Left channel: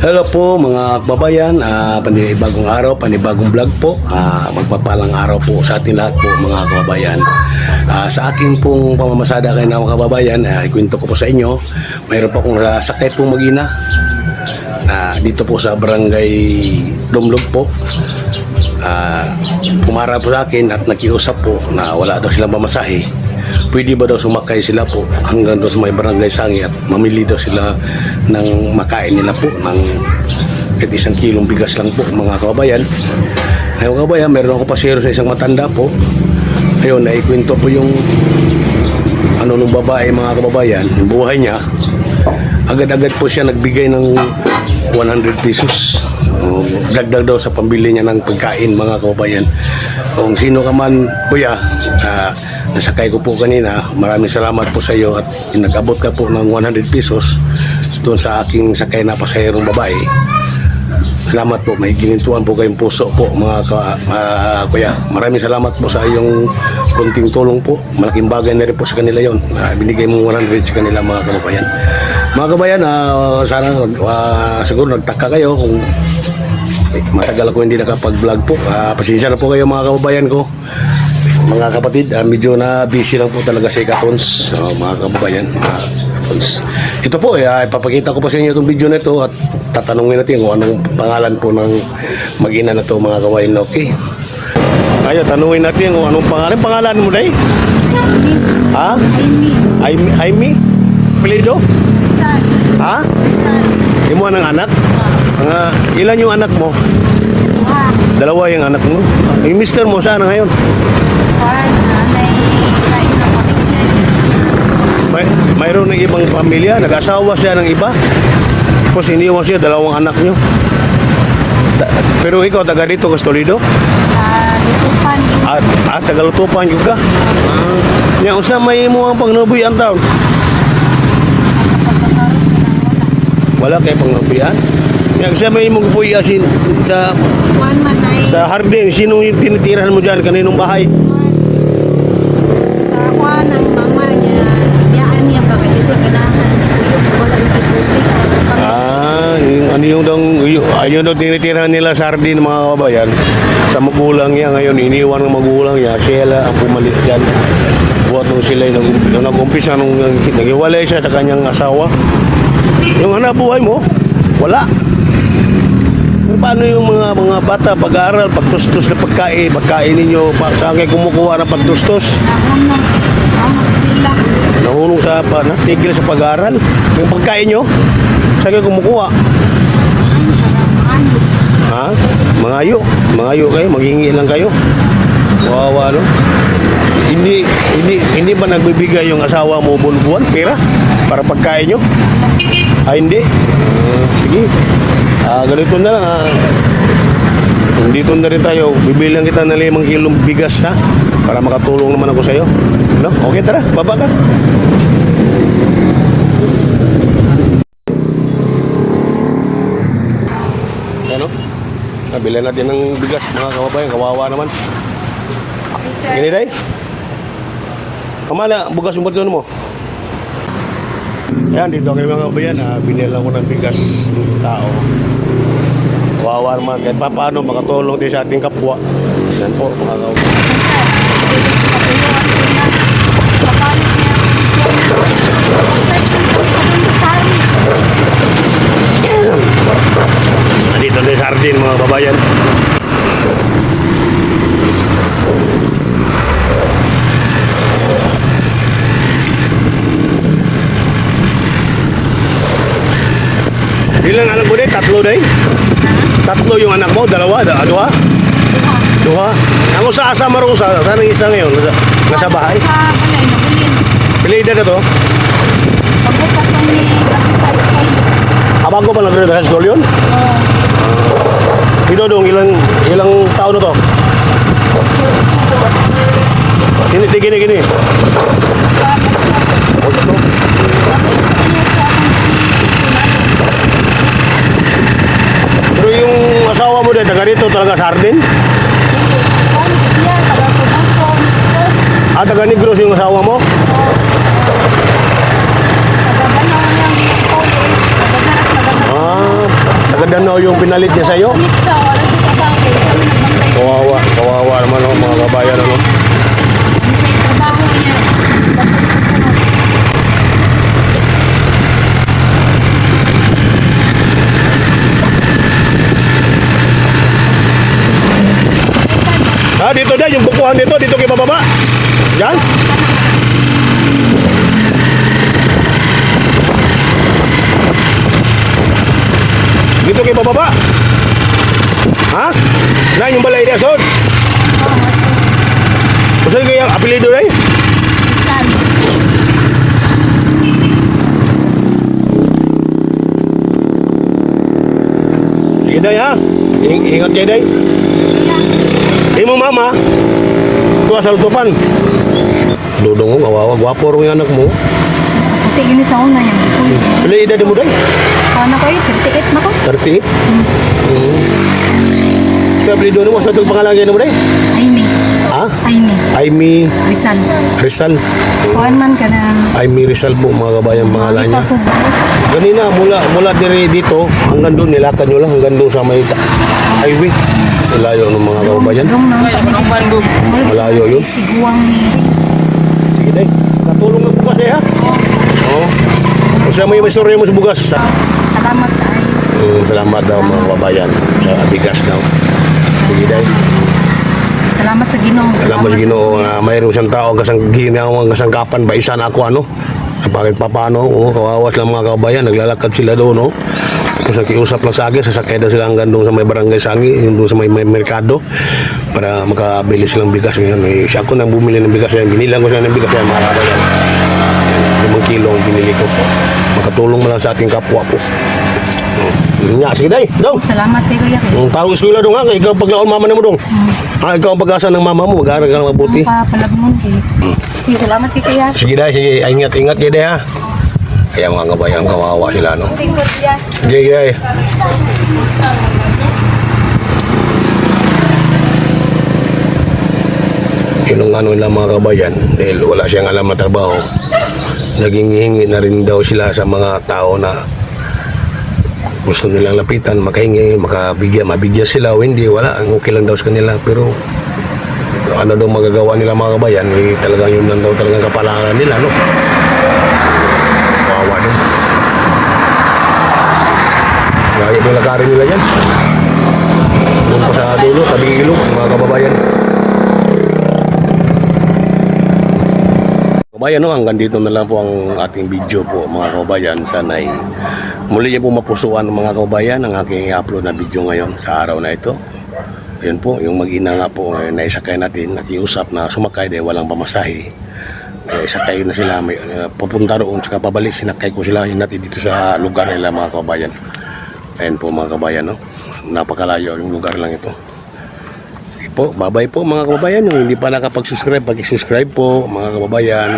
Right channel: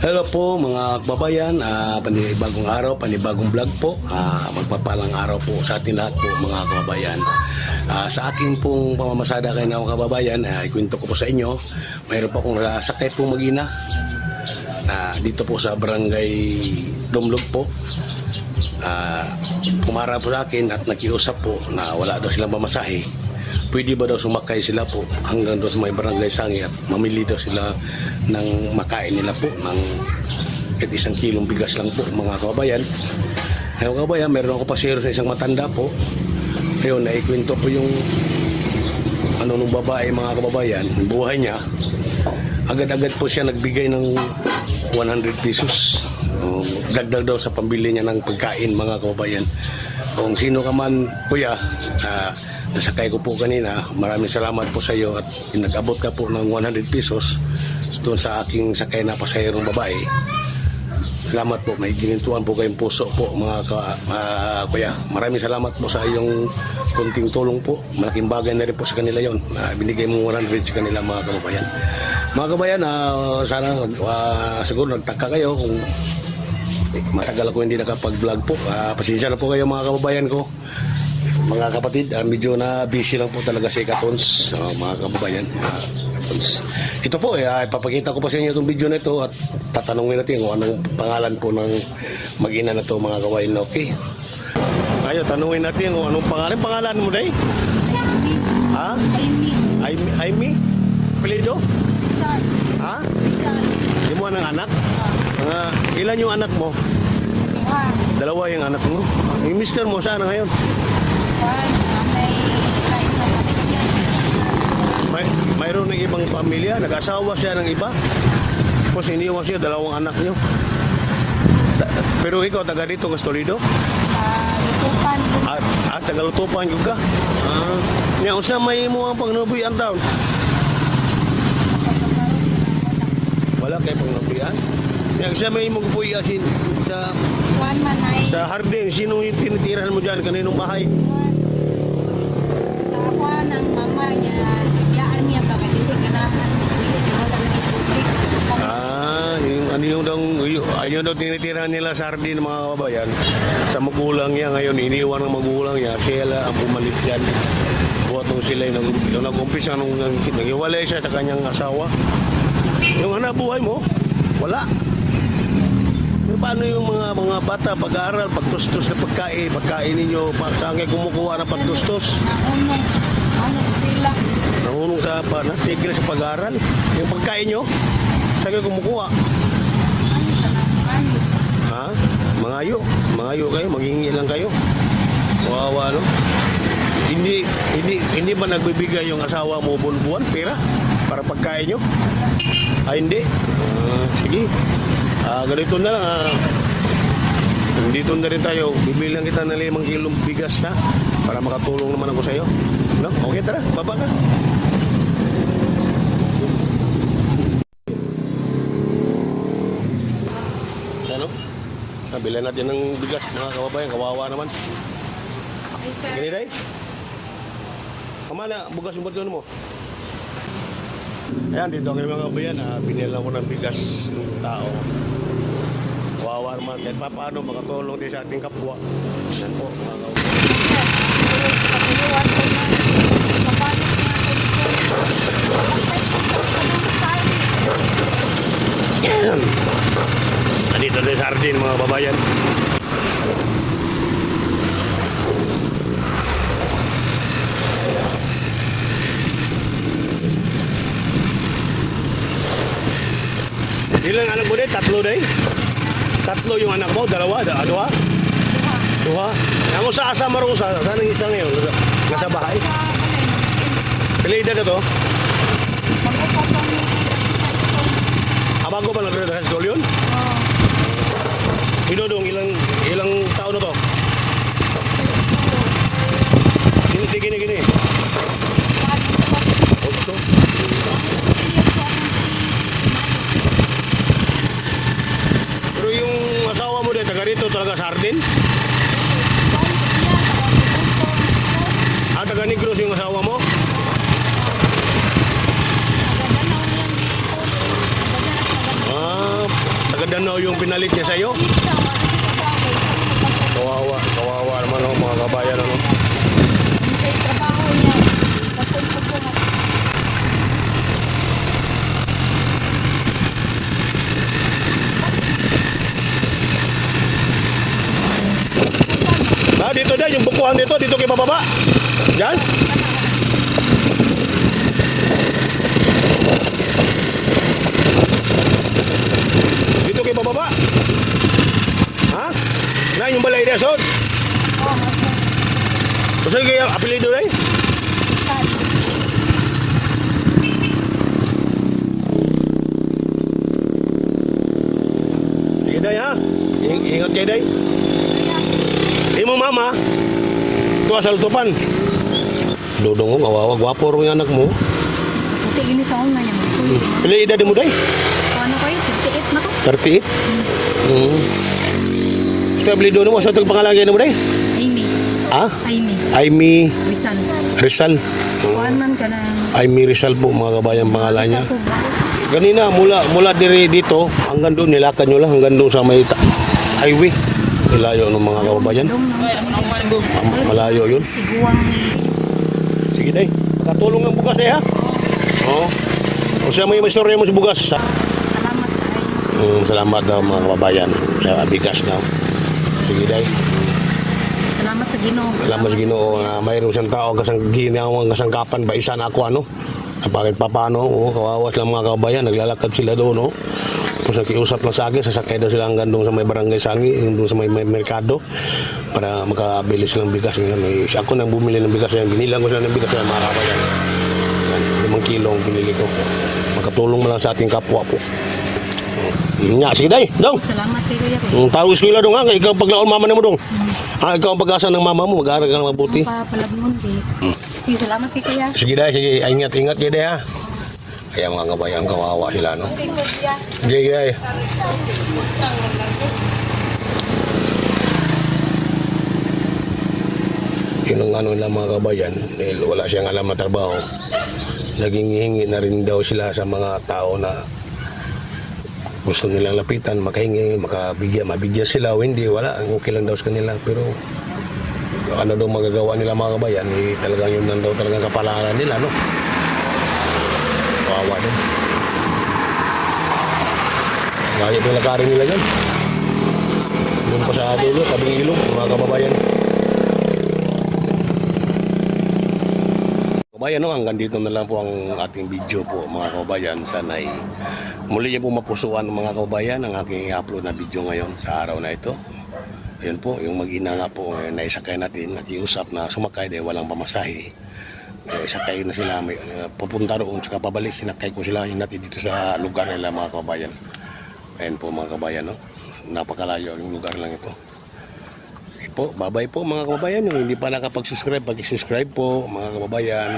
Hello po mga kababayan, panibagong araw, panibagong vlog po. Magpapalang araw po sa ating lahat po mga kababayan. Sa akin pong pamamasada kayo na mga kababayan, ikwento ko po sa inyo. Mayroon po akong sakit pong mag-ina dito po sa barangay Dumlog po. Pumara po sa akin at nakiusap po na wala daw silang pamasahe. Pwede ba daw sumakay sila po hanggang doon sa may barangay Sangi at mamili daw sila ng makain nila po ng kahit 1 kilong bigas lang po mga kababayan. Ngayon kababayan, meron ako pasero sa isang matanda po. Ayun, naikwento po yung nung babae mga kababayan, yung buhay niya. Agad-agad po siya nagbigay ng 100 pesos. Dagdag daw sa pambili niya ng pagkain mga kababayan. Kung sino ka man kuya, nasakay ko po kanina, maraming salamat po sa iyo at nag-abot ka po ng 100 pesos doon sa aking sakay na pasaherong babae. Salamat po, may ginintuan po kayong puso po mga kuya. Maraming salamat po sa iyong kunting tulong po. Malaking bagay na rin po sa kanila yon. Binigay mo 100 sa kanila mga kababayan. Mga kababayan, sana siguro nagtaka kayo kung matagal ako hindi nakapag-vlog po. Pasensya na po kayo mga kababayan ko. Mga kapatid, medyo na busy lang po talaga sa ikatons, mga kababayan. Ito po, ipapakita ko po sa inyo itong video na ito at tatanungin natin kung anong pangalan po ng mag-ina na ito mga kababayan. Okay? Ayun, tanungin natin kung anong pangalan. Pangalan mo na Ha? Aimee? Pelido? Ha? Imo ng anak? Ilan yung anak mo? Dalawa yung anak mo? Yung mister mo, saan na ngayon? Mayroon ng ibang pamilya, nag-asawa siya ng iba. Tapos iniwan siya, dalawang anak niyo. Pero ikaw, taga dito, Toledo? Taga Lutupan juga. Yang usah may mo ang pangnubuyan taon. Wala kayo pangnubuyan? Yang usah may mo puya sa hardin, sino yung tinitirahan mo dyan? Kaninong bahay? Ayun daw tinitirahan nila sa hardin mga kababayan. Sa magulang niya ngayon, iniwan ng magulang niya. Sila ang pumalit dyan. Buat nung sila nung nag-umpisa nung naghiwalay siya sa kanyang asawa. Yung hanap buhay mo, wala. Paano yung mga bata pag-aaral, pagtustos na pagkain ninyo, saan kayo kumukuha ng pagtustos? Nahulong sa natigil sa pag-aaral. Yung pagkain nyo, saan kayo kumukuha? Ha? Mangayo kayo, maghingi lang kayo. Wawa, no? Hindi ba nagbibigay yung asawa mo buwan-buwan pera para pagkain nyo? Hindi. Sige. Ganito na lang. Kung dito na rin tayo, bibilang kita ng 5 kilong bigas na para makatulong naman ako sa'yo. No? Okay, tara, baba ka. Bilan natin ng bigas mga kababayan, kawawa naman. Gini day? Kamala, bugas yung bato mo? Yan, dito kayo mga kababayan, binilang ko ng bigas ng tao. Kawawa naman, kahit paano makatulong din sa ating kapwa. Yan po mga kababayan. Dito din sardin mga kababayan. Ilang anak mo din? 3 day? 3 yung anak mo? Dalawa? Duha? Ang usa asa marusa? Saan ang isa ngayon? Nasa bahay? Pilida na to? Bago pa lang sa school yun? Ito dong, ilang taon na to? Gini. Pero yung asawa mo din, taga dito talaga sa hardin? Taga Negros yung asawa mo? Taga-Danau yung pinalit niya sa'yo. Sa wala sa trabaho. Kawawa naman oh, mga kabayan ano. Sa trabaho niya. Dito dyan, yung bukuhan dito kayo bababa. Dyan. Dito kayo bababa. Ha? Na yung balay niya, Sod. Kasi kaya apelido rin. Isan. Sige day ha. Ingat kayo day. Imo mama. Tuwa sa lutupan. Dudong mo, kawawa. Gwapo rin yung anak mo. Ate, yun sa una niya. Pila edad mo day? Paano kayo? 38 na ko? 38? Sa apelido mo, sa itong pangalagay mo day? Aimee. Ha? Aimee. Aimee Rizal. Rizal. Kuhan man ka na. Aimee Rizal po, mga kabayan pangalan niya. Kanina, mula dito, hanggang doon, nilakad nyo lang, hanggang doon sa may highway. Malayo ng mga kabayan. Malayo yun. Iguang ni. Sige day, katulong ng bugas ha? Oo. Kung siya may istorya mo sa bugas. Salamat ay. Salamat daw mga kababayan sa bigas daw. Sige day. Salamat sa Ginoo. Salamat sa Ginoo. Mayroong isang tao ginawang kasangkapan ba isa na ako ano? Sa bakit papano, kawawas lang mga kababayan, naglalakad sila doon, no? Tapos nakiusap lang sa akin, sasakay daw sila hanggang doon sa may barangay Sangi, yung doon sa may merkado, para makabili silang bigas ngayon. Isa ako nang bumili ng bigas yan, binilang ko sila ng bigas yan, mga kababayan. 5 kilo ang binili ko. Makatulong mo lang sa ating kapwa po. Nga, sige day, daw. Salamat kay Kuya. Tawag sa dong ha, ikaw paglaon mama na mo dong. Ikaw ang pag-asa ng mama mo, mag-aaral ka ng mabuti. Palagmon eh. Salamat kay Kuya. Sige day, sige, ingat kayo day ha. Kaya mga kabayan, kawawa sila no. Sige day. Yung ano lang mga kabayan, dahil wala siyang alam na trabaho, naging hingi na rin daw sila sa mga tao na gusto nilang lapitan, makahingi, mabigyan sila o hindi, wala, okay lang daw sa kanila. Pero ano daw magagawa nila mga kabayan, talagang yun lang daw talagang kapalaran nila, no? Kawawa din. Gaya pa yung lakarin nila yan. Doon pa sa dulo, tabing ilog, mga kababayan. Kabayan, no, hanggang dito na lang po ang ating video po mga kababayan. Sana'y muli niyo po mapusuan ng mga kababayan ang aking i-upload na video ngayon sa araw na ito. Yun po, yung mag-ina nga po naisakay natin, nakiusap na sumakay dahil walang pamasahe. Isakay na sila, pupunta roon, saka pabalik, sinakay ko sila natin dito sa lugar nila mga kababayan. Ayan po mga kababayan, no? Napakalayo yung lugar lang ito. Po, bye-bye po mga kababayan. Yung hindi pa nakapag-subscribe, pag-subscribe po mga kababayan.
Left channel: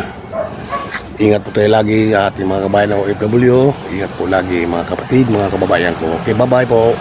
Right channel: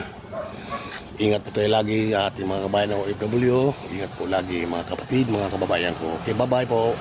Ingat po tayo lagi ating mga kababayan ng OFW. Ingat po lagi mga kapatid, mga kababayan ko. Okay, bye-bye po.